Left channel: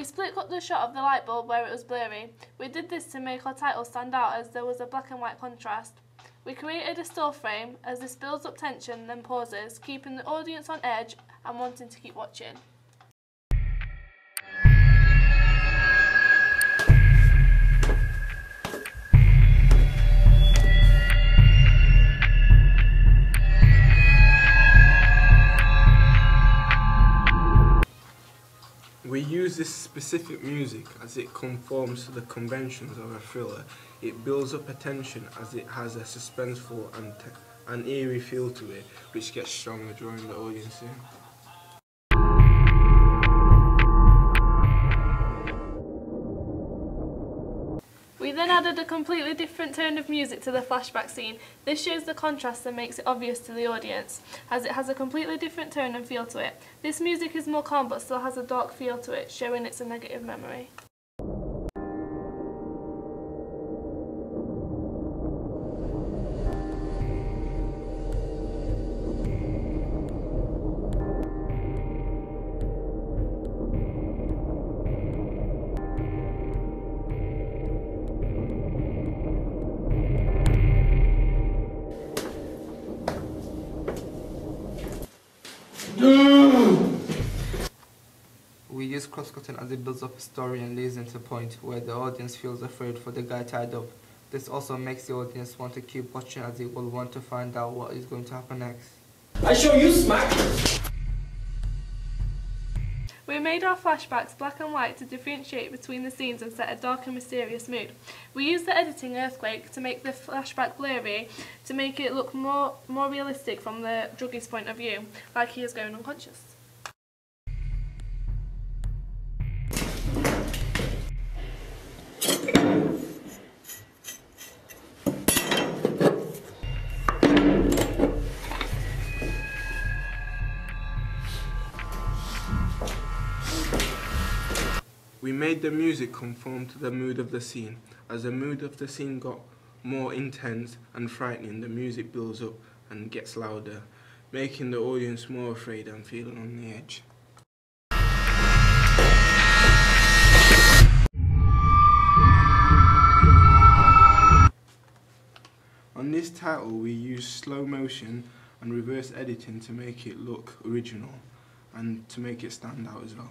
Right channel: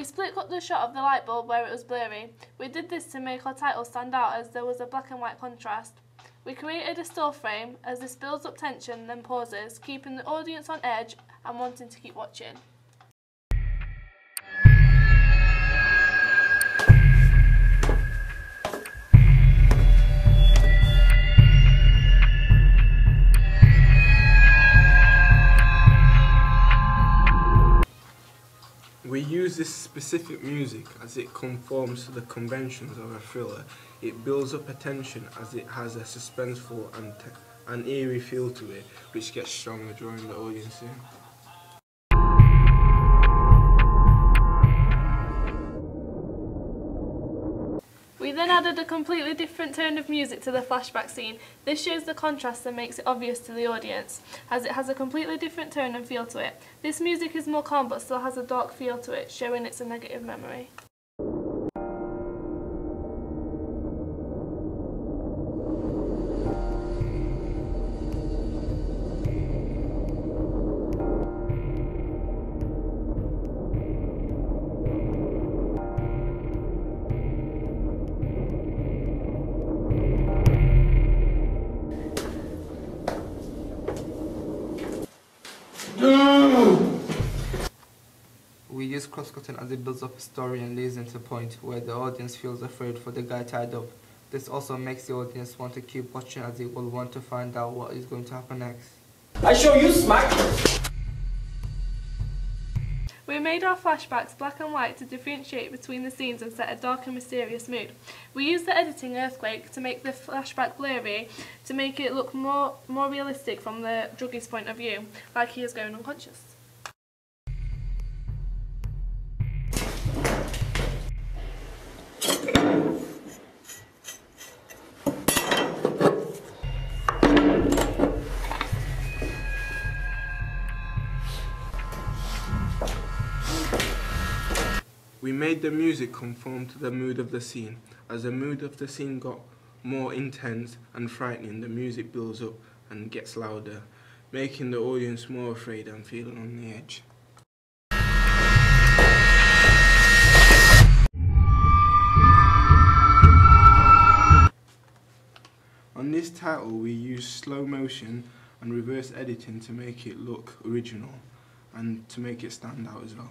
We split cut the shot of the light bulb where it was blurry. We did this to make our title stand out as there was a black and white contrast. We created a still frame as this builds up tension then pauses, keeping the audience on edge and wanting to keep watching. We use this specific music as it conforms to the conventions of a thriller. It builds up a tension as it has a suspenseful and eerie feel to it, which gets stronger, drawing the audience in. We then added a completely different tone of music to the flashback scene. This shows the contrast and makes it obvious to the audience, as it has a completely different tone and feel to it. This music is more calm but still has a dark feel to it, showing it's a negative memory. We use cross-cutting as it builds up a story and leads into a point where the audience feels afraid for the guy tied up. This also makes the audience want to keep watching as it will want to find out what is going to happen next. I show you smack! We made our flashbacks black and white to differentiate between the scenes and set a dark and mysterious mood. We used the editing Earthquake to make the flashback blurry to make it look more realistic from the druggie's point of view, like he is going unconscious. We made the music conform to the mood of the scene. As the mood of the scene got more intense and frightening, the music builds up and gets louder, making the audience more afraid and feeling on the edge. On this title we used slow motion and reverse editing to make it look original and to make it stand out as well.